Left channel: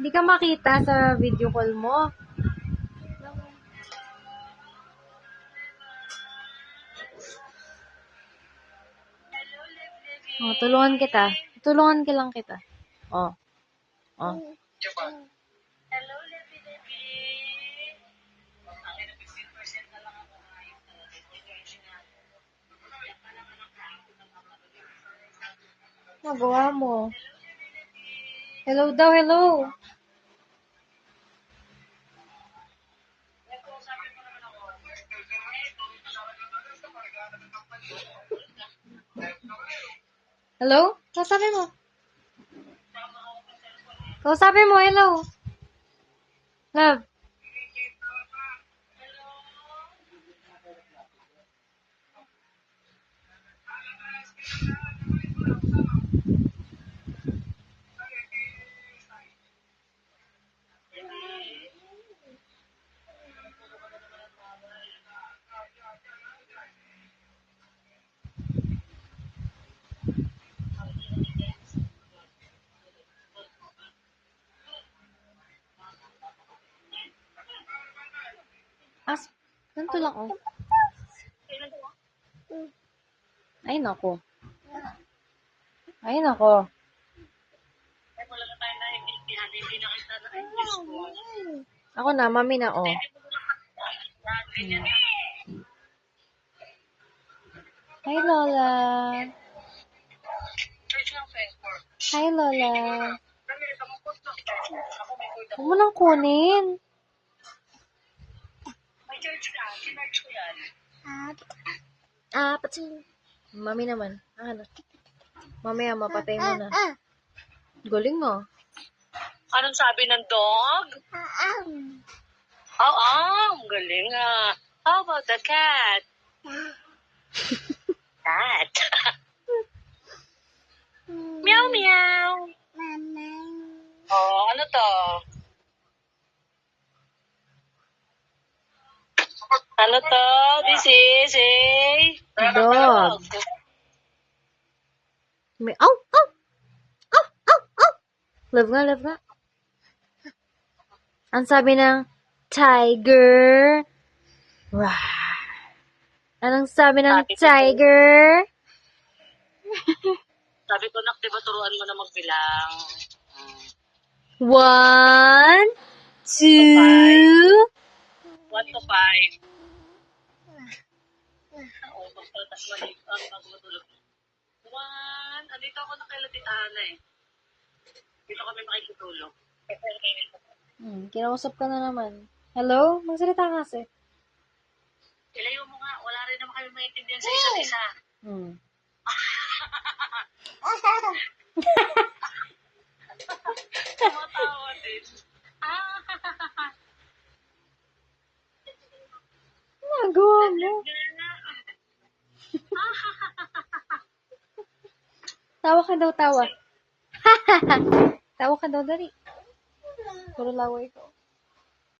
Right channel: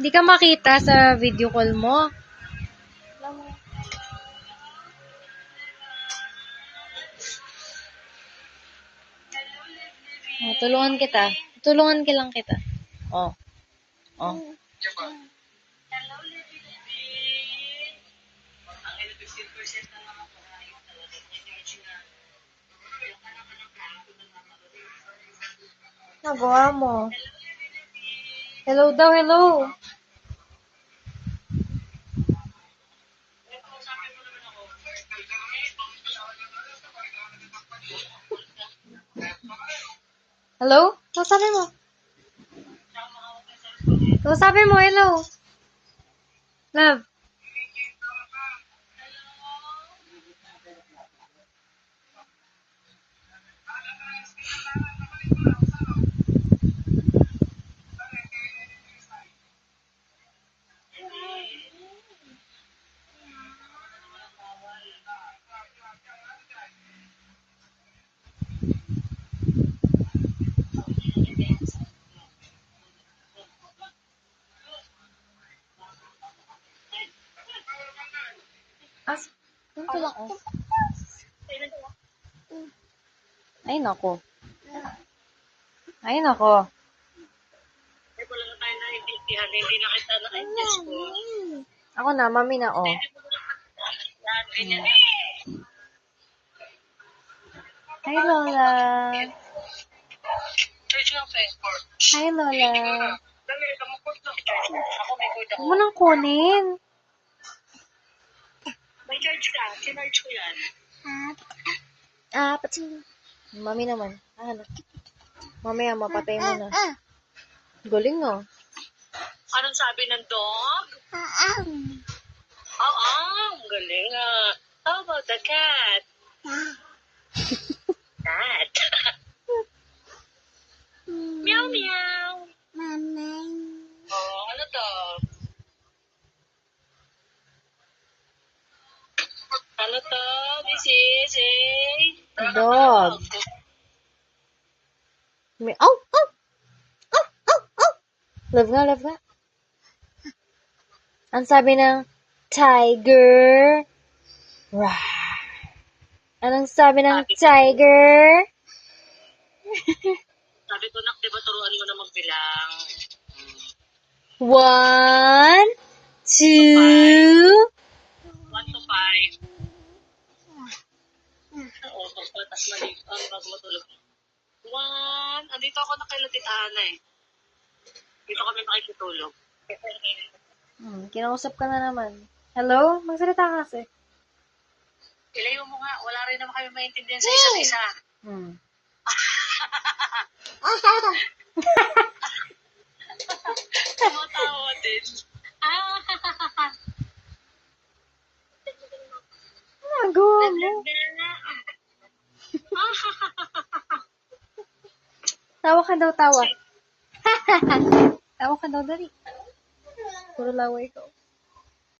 Hindi ka makita sa video call mo. Oh, tulungan kita. Tulungan ka lang kita. Oh. Oh. Hello, Levi Levi. Ang 15% na lang ako. Ayun talaga. Recharge na. Nagawa mo. Hello daw, hello. Hello? Kausapin mo. Kausapin mo, hello. Love. Ganito lang, oh. Ay, nako. Ay, nako. Ay, wala na tayo naiintindihan. Hindi na kita na ay Diyos ko. Ako na, mami na, oh. Yan, ganyan. Hi, Lola. Search ng Facebook. Hi, Lola. Dali, kamukot na. Ako may code ako. Huwag mo nang kunin. May charge ka. Sinarge ko yan. Pati. Mami naman. Ano? Mamaya, mapatay mo na. Galing, oh. Anong sabi ng dog? Oo, ang galing ah. How about the cat? Cat. Meow, meow. Oh, ano to? Ano to? This is a... Dog. May, oh, oh! Oh, oh, oh! Love nga, love nga. Ang sabi ng tiger. Rawr. Anong sabi ng tiger? Sabi ko, nak, diba turuan mo na magbilang? 1, 2, 1 to 5. Oo, pagpatas mali. Bago matulog. 1. Andito ako na kay Tita Ana eh. Dito kami makikitulog. Kinausap ka na naman. Hello? Magsalita ka kasi. Ilayo mo nga. Wala rin naman kami maintindihan sa isa't isa. Tumatawa din. Nagawa mo. Tawa ka daw, tawa. Tawa ka daw, dali. Puro laway ko.